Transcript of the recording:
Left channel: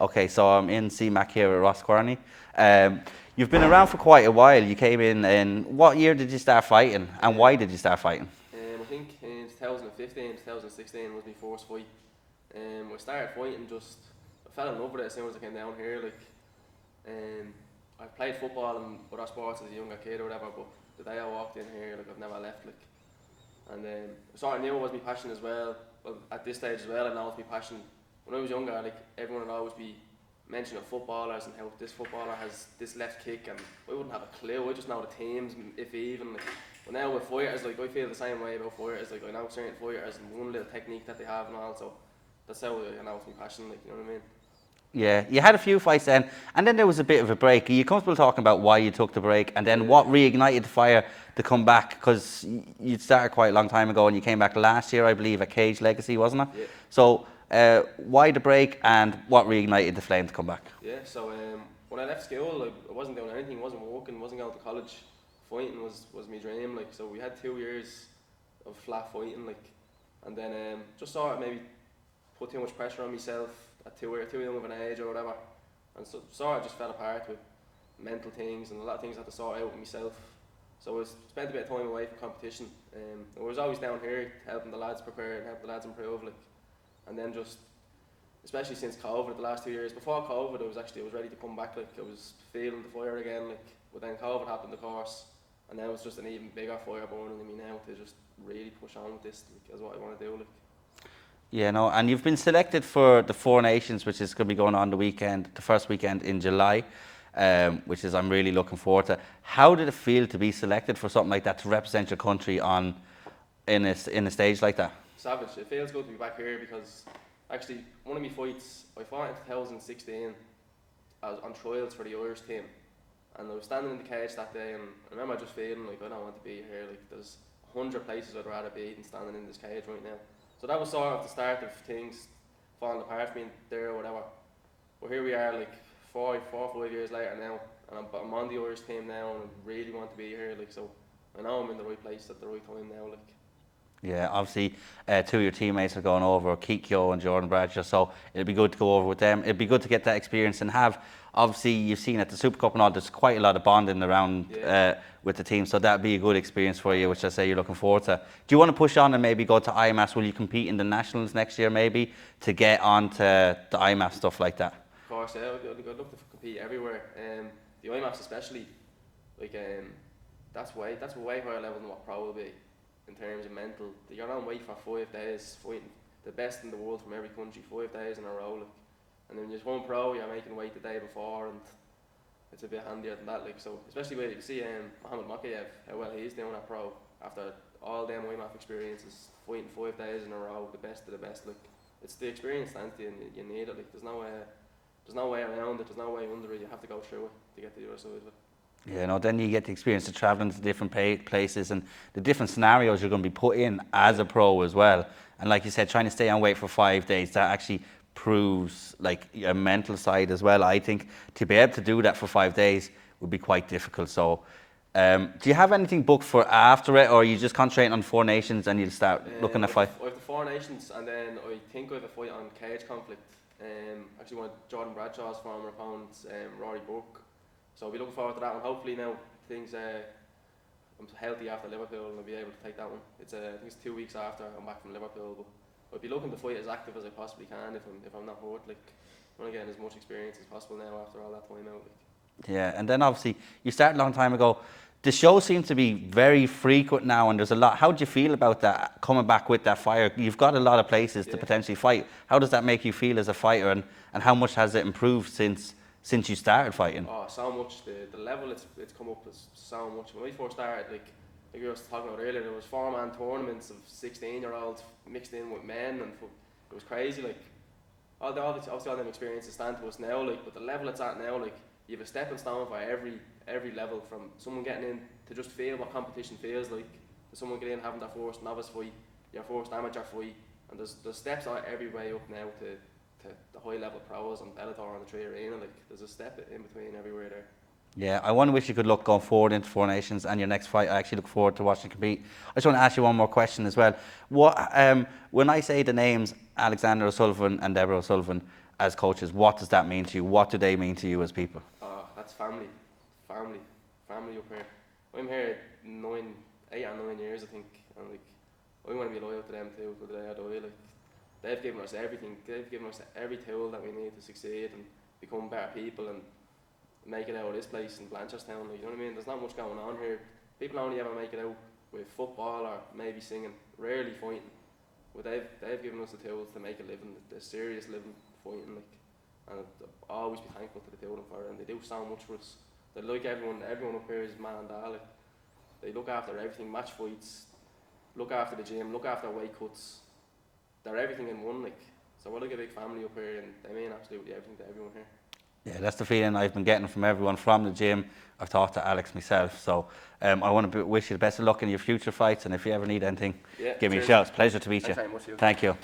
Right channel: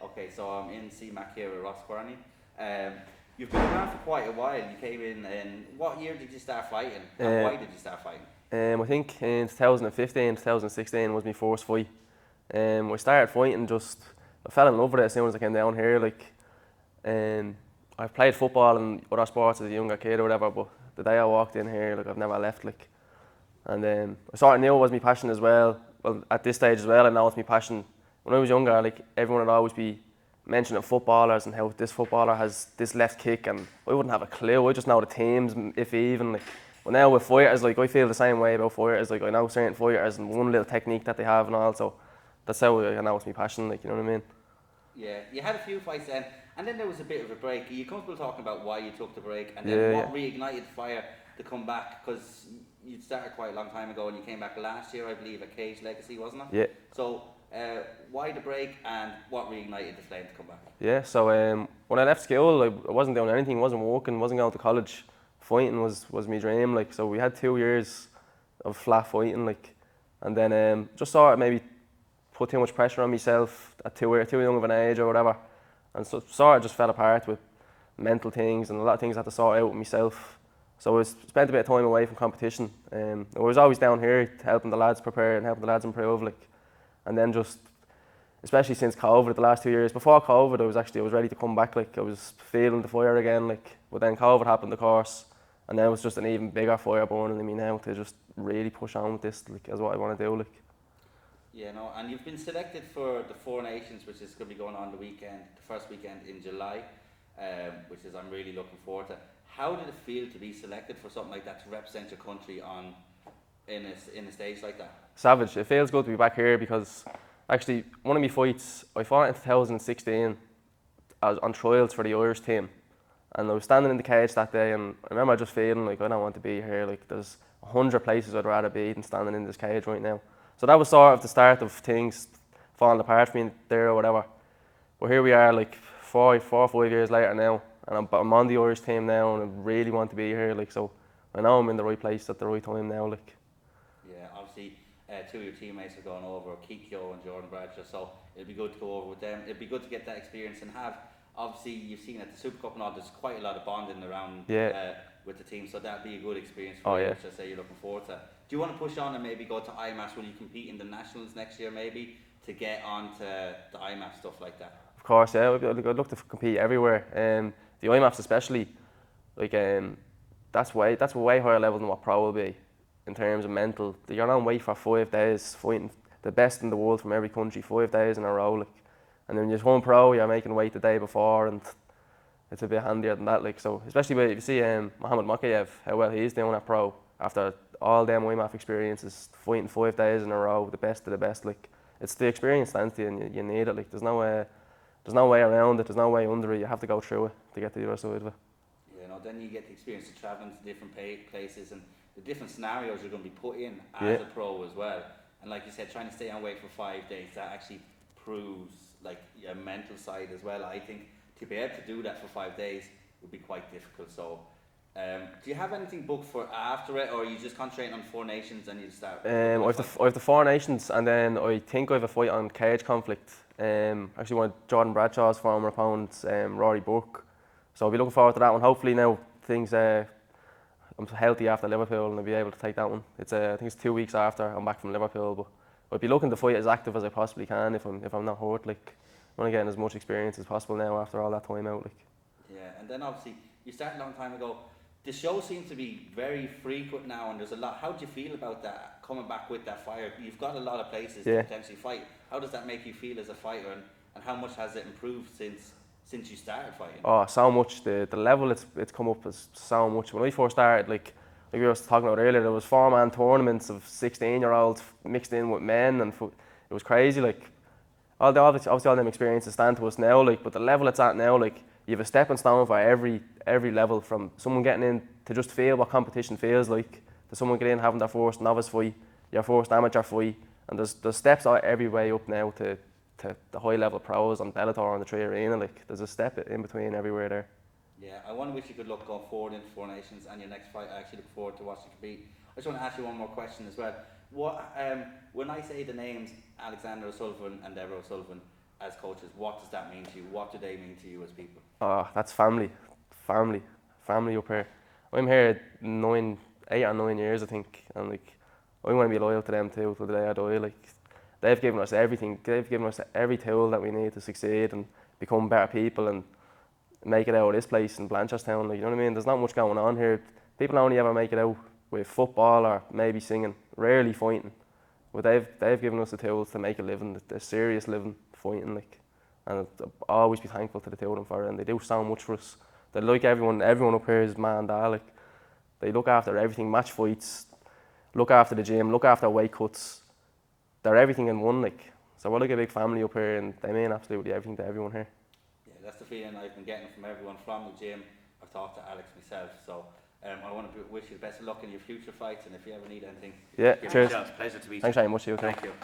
Okay, so I'm in CMAC here at Ross Quearney. You've been around for quite a while. You came in what year did you start fighting, and Uh, why did you start fighting? I think in 2015, 2016 was my first fight. I started fighting I fell in love with it as soon as I came down here. Um, I played football and other sports as a younger kid or whatever, but the day I walked in here, I've never left. And I sort of knew it was my passion as well. Well, at this stage as well, I know it's my passion. When I was younger, everyone would always be mentioning footballers and how this footballer has this left kick, and I wouldn't have a clue. I just know the teams, if even. But now with fighters, I feel the same way about fighters. I know certain fighters and one little technique that they have and all. So that's how I know it's my passion. You know what I mean? Yeah, you had a few fights then, and then there was a bit of a break. Are you comfortable talking about why you took the break, and then Yeah, what reignited the fire to come back? Because you started quite a long time ago, and you came back last year, I believe, at Cage Legacy, wasn't it? yeah, So, why the break, and what reignited the flame to come back? yeah. So when I left school, I wasn't doing anything. Wasn't working. Wasn't going to college. Fighting was my dream. So we had 2 years of flat fighting. And then just sort of maybe put too much pressure on myself at too young of an age or whatever, and so sort of just fell apart with mental things and a lot of things I had to sort out with myself. So I spent a bit of time away from competition. I was always down here helping the lads prepare and helping the lads improve. And then just, especially since COVID, the last 2 years before COVID, I was ready to come back. I was feeling the fire again. But then COVID happened, of course, and then it was just an even bigger fire burning in me now to just really push on with this, as what I want to do. Yeah, no, and you've been selected for the Four Nations, which is going to be going on the first weekend in July, which is I'm really looking forward to. How did it feel to be selected for something like that, to represent your country in a stage like that? Savage. It feels good to be back here because actually one of my fights I fought in 2016 on trials for the Irish team, and I was standing in the cage that day, and I remember just feeling I don't want to be here. There's 100 places I'd rather be than standing in this cage right now. So that was sort of the start of things falling apart for me there or whatever. But here we are, 4 or 5 years later now, and I'm on the Irish team now, and I really want to be here. So I know I'm in the right place at the right time now. Yeah, obviously, two of your teammates are going over, Kikyo and Jordan Bradshaw, so it'd be good to go over with them. It'd be good to get that experience and have, obviously, you've seen at the Super Cup and all, there's quite a lot of bonding around Yeah. with the team, so that'd be a good experience for you, Yeah. which I say you're looking forward to. Do you want to push on and maybe go to IMAS? Will you compete in the Nationals next year, maybe, to get on to the IMAS, stuff like that? Of course, yeah. I'd look to compete everywhere. The IMAFs especially, that's a way higher level than what pro will be in terms of mental. You're on weight for 5 days, fighting the best in the world from every country, 5 days in a row. And then you're home pro, you're making weight the day before, and it's a bit handier than that. So especially when you see Mohamed Makayev, how well he's doing at pro after all them IMAF experiences, fighting 5 days in a row, the best of the best. It's the experience stands to you, and you need it. There's no way around it. There's no way under it. You have to go through it to get to the other side of it. Yeah, no, then you get the experience of travelling to different places and the different scenarios you're going to be put in as a pro as well. And like you said, trying to stay on weight for 5 days, that actually proves a mental side as well. I think to be able to do that for 5 days would be quite difficult. So do you have anything booked for after it, or are you just concentrating on Four Nations and you'll start looking at fight? I have the Four Nations, and then I think I have a fight on Cage Conflict. Actually one of Jordan Bradshaw's former opponents, Rory Burke. So I'll be looking forward to that one. Hopefully now I'm healthy after Liverpool and I'll be able to take that one. I think it's 2 weeks after I'm back from Liverpool, but I'd be looking to fight as active as I possibly can if I'm not hurt. I want to get as much experience as possible now after all that time out. Yeah, and then obviously you started a long time ago. The show seems to be very frequent now, and there's a lot. How do you feel about that, coming back with that fire? You've got a lot of places to potentially fight. How does that make you feel as a fighter, and how much has it improved since you started fighting? Oh, so much. The level it's come up is so much. When we first started, like we were talking about earlier, there was 4-man tournaments of 16-year-olds mixed in with men, and it was crazy. Obviously all them experiences stand to us now. But the level it's at now, you have a stepping stone for every level, from someone getting in to just feel what competition feels like, to someone getting in having their first novice fight, your first amateur fight, and there's steps every way up now to the high level pros on Bellator and the Tree Arena. There's a step in between everywhere there. Yeah, I wonder if you could look going forward into Four Nations and your next fight. I actually look forward to watching you compete. I just want to ask you one more question as well. What when I say the names Alexander O'Sullivan and Deborah O'Sullivan, as coaches, what does that mean to you? What do they mean to you as people? That's family, family up here. I'm here 8 or 9 years, I think, and like I want to be loyal to them too till the day I die. Like they've given us everything. They've given us every tool that we need to succeed and become better people and make it out of this place in Blanchardstown. Like, you know what I mean? There's not much going on here. People only ever make it out with football or maybe singing, rarely fighting. But they've given us the tools to make a living, the serious living, fighting, like, and I'll always be thankful to the two of them for it. And they do so much for us. They're like everyone up here is man and dad. Like, they look after everything, match fights, look after the gym, look after weight cuts. They're everything in one, like. So we're like a big family up here, and they mean absolutely everything to everyone here. Yeah, that's the feeling I've been getting from everyone from the gym. I've talked to Alex myself, so I want to wish you the best of luck in your future fights, and if you ever need anything, give me a shout. It's a pleasure to meet you. Thanks very much. Thank you.